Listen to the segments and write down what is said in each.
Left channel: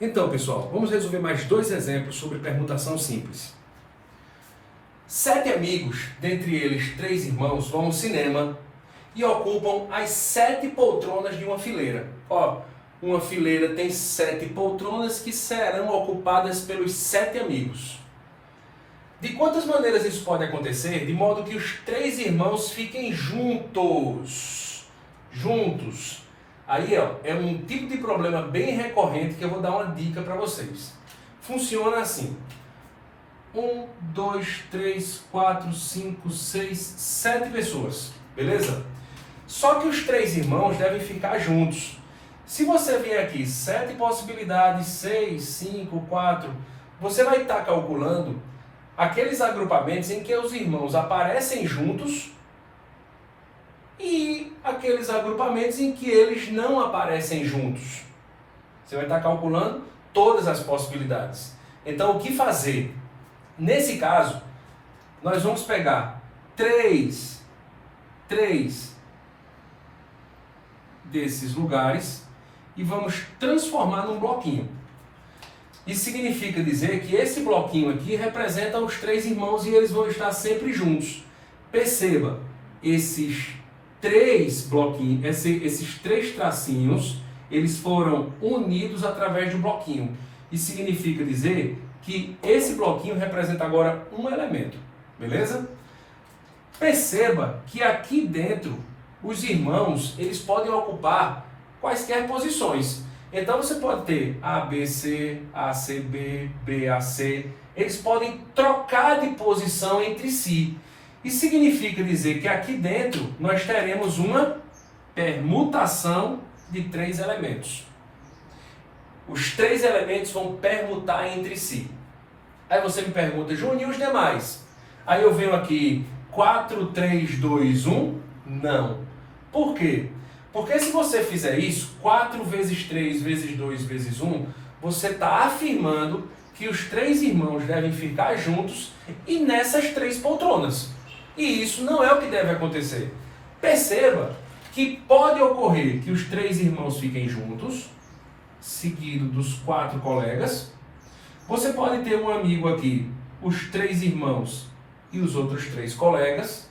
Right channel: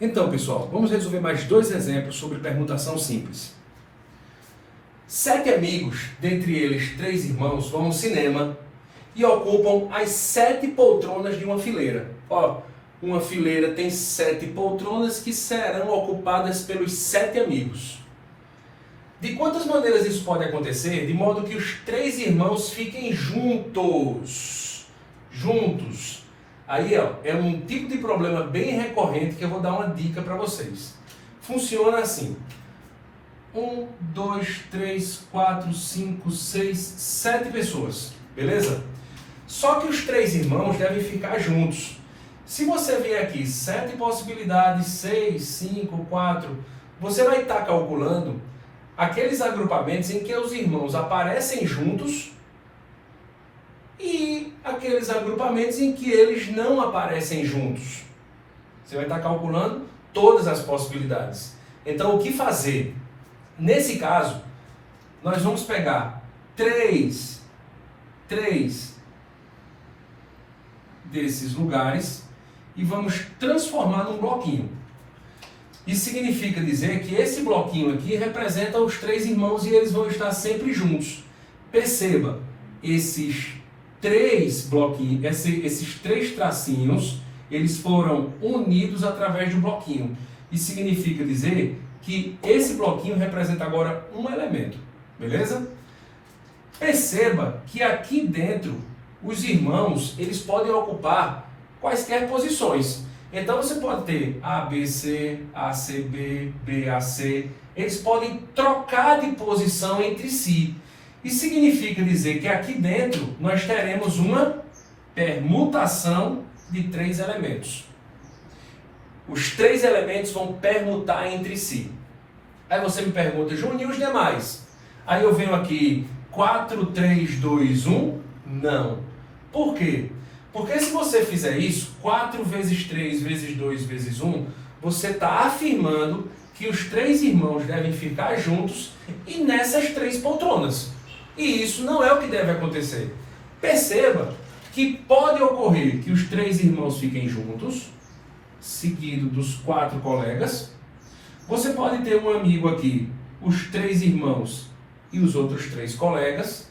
Então, pessoal, vamos resolver mais dois exemplos sobre permutação simples. 7 amigos, dentre eles 3 irmãos, vão ao cinema e ocupam as 7 poltronas de uma fileira. Ó, uma fileira tem 7 poltronas que serão ocupadas pelos 7 amigos. De quantas maneiras isso pode acontecer? De modo que os 3 irmãos fiquem juntos. Aí, ó, é um tipo de problema bem recorrente que eu vou dar uma dica para vocês. Funciona assim. 1, 2, 3, 4, 5, 6, 7 pessoas, beleza? Só que os 3 irmãos devem ficar juntos. Se você vier aqui, 7 possibilidades, 6, 5, 4, você vai estar calculando aqueles agrupamentos em que os irmãos aparecem juntos e aqueles agrupamentos em que eles não aparecem juntos. Você vai estar calculando todas as possibilidades. Então, o que fazer? Nesse caso, nós vamos pegar 3 desses lugares e vamos transformar num bloquinho. Isso significa dizer que esse bloquinho aqui representa os 3 irmãos e eles vão estar sempre juntos. Perceba, esses 3 bloquinhos, esses 3 tracinhos, eles foram unidos através de um bloquinho. Isso significa dizer que esse bloquinho representa agora um elemento, beleza? Perceba que aqui dentro, os irmãos, eles podem ocupar quaisquer posições. Então você pode ter ABC, ACB, BAC, eles podem trocar de posição entre si. Isso significa dizer que aqui dentro nós teremos uma permutação de 3 elementos. Os 3 elementos vão permutar entre si. Aí você me pergunta, Júnior, e os demais? Aí eu venho aqui, 4, 3, 2, 1? Não. Por quê? Porque se você fizer isso, 4 vezes 3 vezes 2 vezes 1, você está afirmando que os 3 irmãos devem ficar juntos e nessas 3 poltronas. E isso não é o que deve acontecer. Perceba que pode ocorrer que os 3 irmãos fiquem juntos, seguido dos 4 colegas. Você pode ter um amigo aqui, os 3 irmãos e os outros 3 colegas.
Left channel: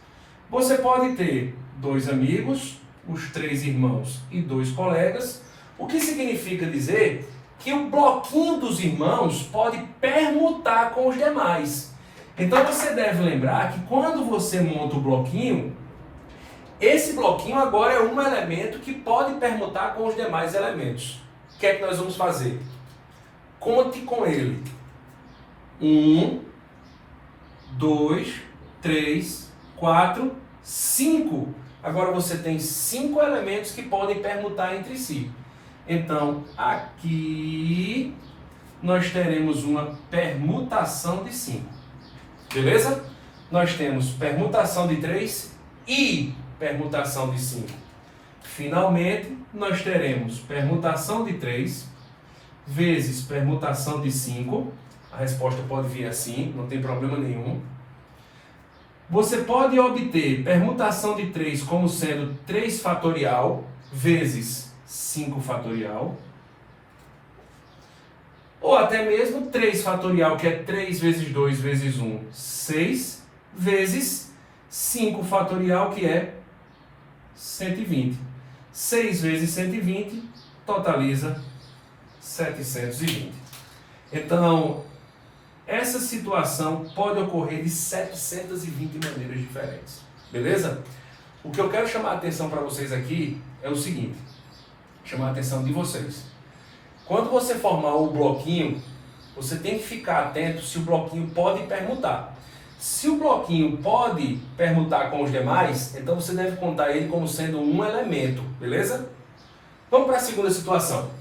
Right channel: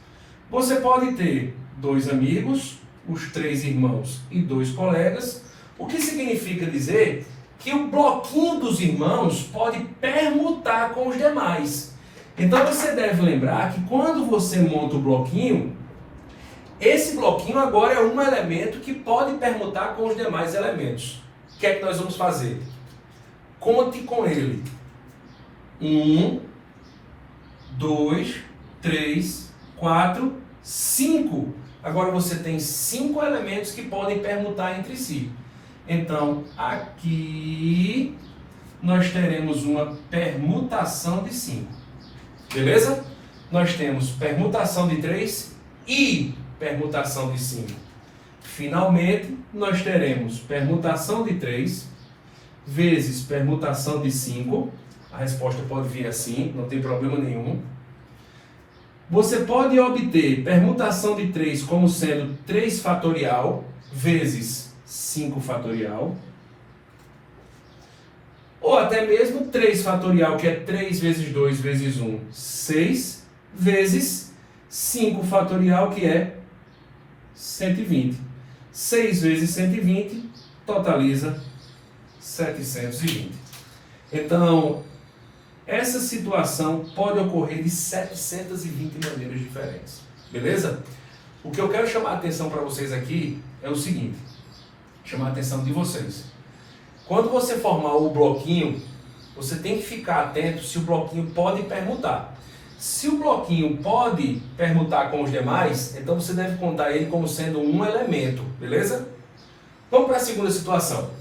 Você pode ter 2 amigos, os 3 irmãos e 2 colegas. O que significa dizer que o bloquinho dos irmãos pode permutar com os demais. Então você deve lembrar que quando você monta o bloquinho, esse bloquinho agora é um elemento que pode permutar com os demais elementos. O que é que nós vamos fazer? Conte com ele. 1, 2, 3, 4, 5. Agora você tem 5 elementos que podem permutar entre si. Então, aqui nós teremos uma permutação de 5. Beleza? Nós temos permutação de 3 e permutação de 5. Finalmente, nós teremos permutação de 3 vezes permutação de 5. A resposta pode vir assim, não tem problema nenhum. Você pode obter permutação de 3 como sendo 3 fatorial vezes 5 fatorial. Ou até mesmo 3 fatorial, que é 3 vezes 2 vezes 1, 6, vezes 5 fatorial, que é 120. 6 vezes 120 totaliza 720. Então, essa situação pode ocorrer de 720 maneiras diferentes. Beleza? O que eu quero chamar a atenção para vocês aqui é o seguinte. Chamar a atenção de vocês. Quando você formar o bloquinho, você tem que ficar atento se o bloquinho pode permutar. Se o bloquinho pode permutar com os demais, então você deve contar ele como sendo um elemento. Beleza? Vamos para a segunda situação.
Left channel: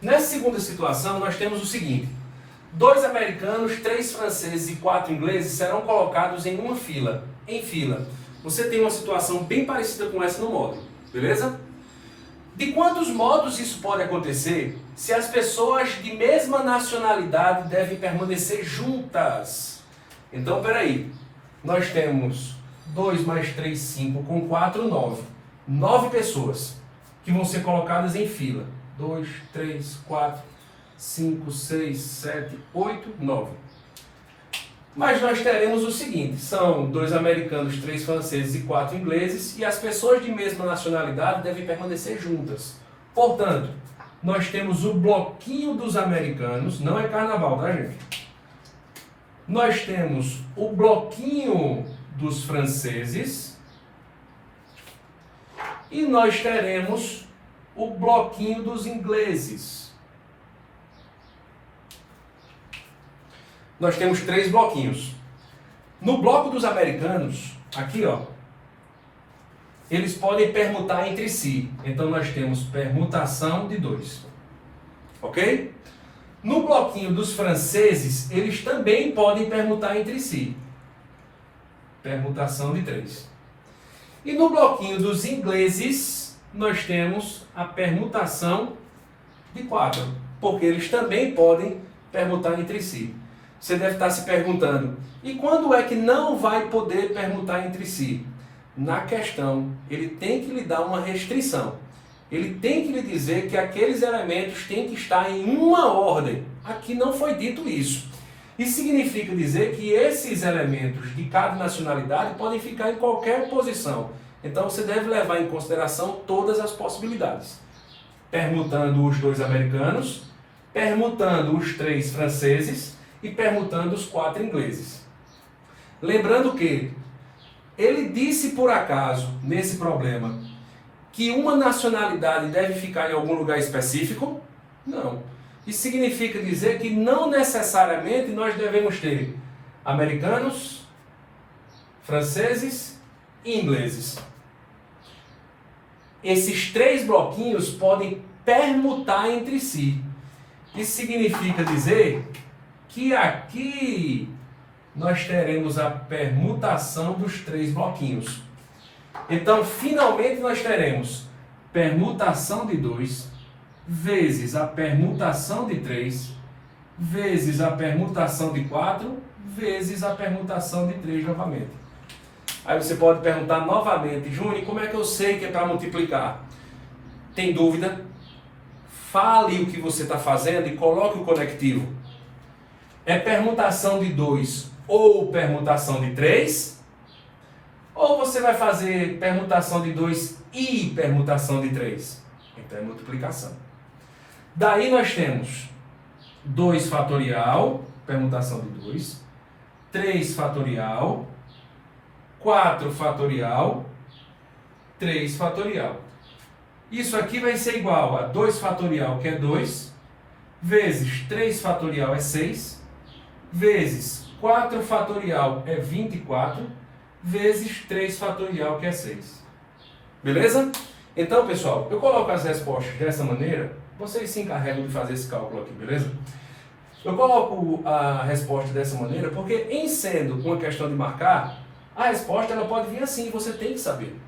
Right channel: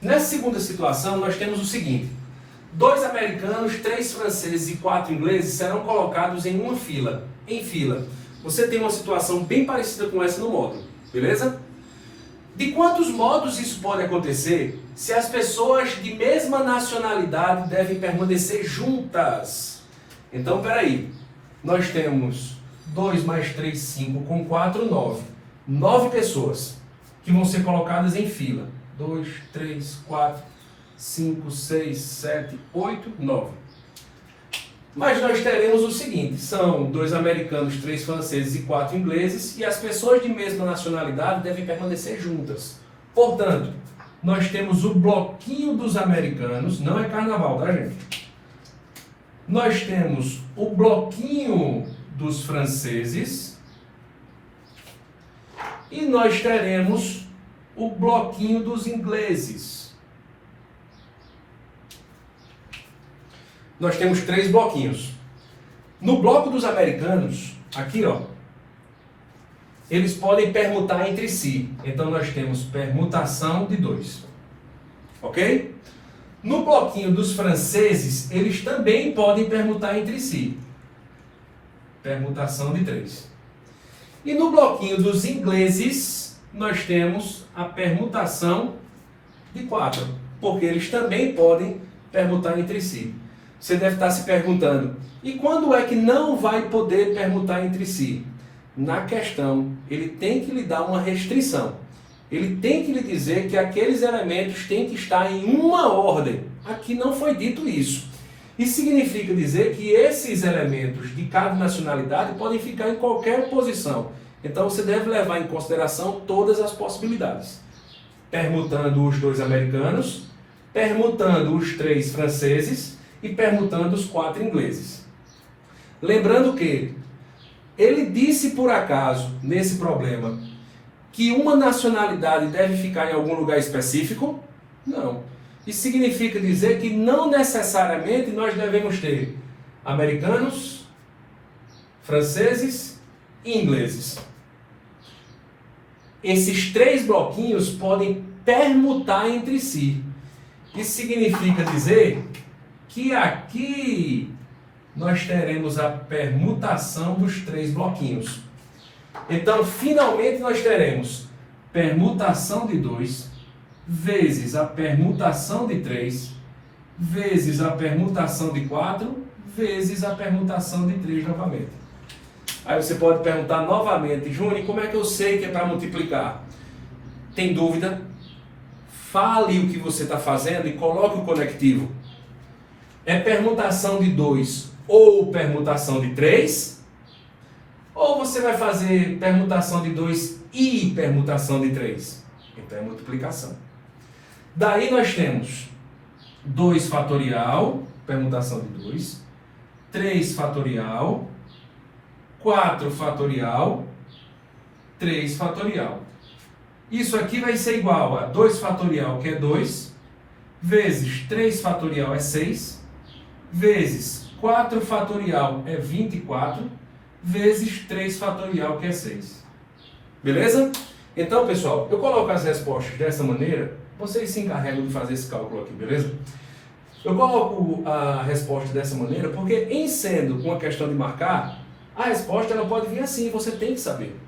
Nessa segunda situação, nós temos o seguinte. 2 americanos, 3 franceses e 4 ingleses serão colocados em uma fila. Em fila. Você tem uma situação bem parecida com essa no módulo. Beleza? De quantos modos isso pode acontecer se as pessoas de mesma nacionalidade devem permanecer juntas? Então, peraí. Nós temos 2 mais 3, 5, com 4, 9. 9 pessoas que vão ser colocadas em fila. 2, 3, 4, 5, 6, 7, 8, 9. Mas nós teremos o seguinte, são 2 americanos, 3 franceses e 4 ingleses, e as pessoas de mesma nacionalidade devem permanecer juntas. Portanto, nós temos o bloquinho dos americanos, não é carnaval, tá, gente? Nós temos o bloquinho dos franceses e nós teremos o bloquinho dos ingleses. Nós temos 3 bloquinhos. No bloco dos americanos, aqui ó, eles podem permutar entre si. Então nós temos permutação de 2. Ok? No bloquinho dos franceses, eles também podem permutar entre si. Permutação de 3. E no bloquinho dos ingleses, nós temos a permutação de 4. Porque eles também podem permutar entre si. Você deve estar se perguntando, e quando é que não vai poder permutar entre si? Na questão, ele tem que lhe dar uma restrição. Ele tem que lhe dizer que aqueles elementos têm que estar em uma ordem. Aqui não foi dito isso. Isso significa dizer que esses elementos de cada nacionalidade podem ficar em qualquer posição. Então você deve levar em consideração todas as possibilidades. Permutando os 2 americanos, permutando os 3 franceses e permutando os 4 ingleses. Lembrando que ele disse por acaso, nesse problema, que uma nacionalidade deve ficar em algum lugar específico? Não. Isso significa dizer que não necessariamente nós devemos ter americanos, franceses e ingleses. Esses 3 bloquinhos podem permutar entre si. Isso significa dizer que aqui nós teremos a permutação dos 3 bloquinhos. Então, finalmente, nós teremos permutação de 2 vezes a permutação de 3 vezes a permutação de 4 vezes a permutação de 3 novamente. Aí você pode perguntar novamente, Júnior, como é que eu sei que é para multiplicar? Tem dúvida? Fale o que você está fazendo e coloque o conectivo. É permutação de 2 ou permutação de 3? Ou você vai fazer permutação de 2 e permutação de 3? Então é multiplicação. Daí nós temos 2 fatorial, permutação de 2, 3 fatorial, 4 fatorial, 3 fatorial. Isso aqui vai ser igual a 2 fatorial, que é 2, vezes 3 fatorial é 6, vezes 4 fatorial é 24, vezes 3 fatorial, que é 6. Beleza? Então, pessoal, eu coloco as respostas dessa maneira, vocês se encarregam de fazer esse cálculo aqui, beleza? Eu coloco a resposta dessa maneira porque, em sendo uma questão de marcar, a resposta ela pode vir assim, você tem que saber.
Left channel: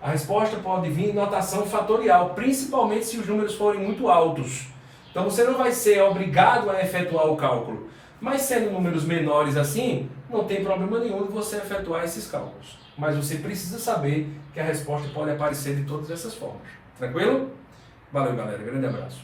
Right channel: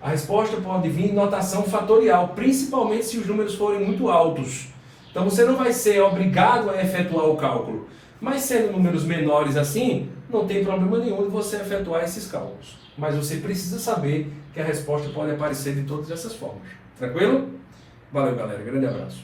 A resposta pode vir em notação fatorial, principalmente se os números forem muito altos. Então, você não vai ser obrigado a efetuar o cálculo. Mas sendo números menores assim, não tem problema nenhum de você efetuar esses cálculos. Mas você precisa saber que a resposta pode aparecer de todas essas formas. Tranquilo? Valeu, galera. Grande abraço.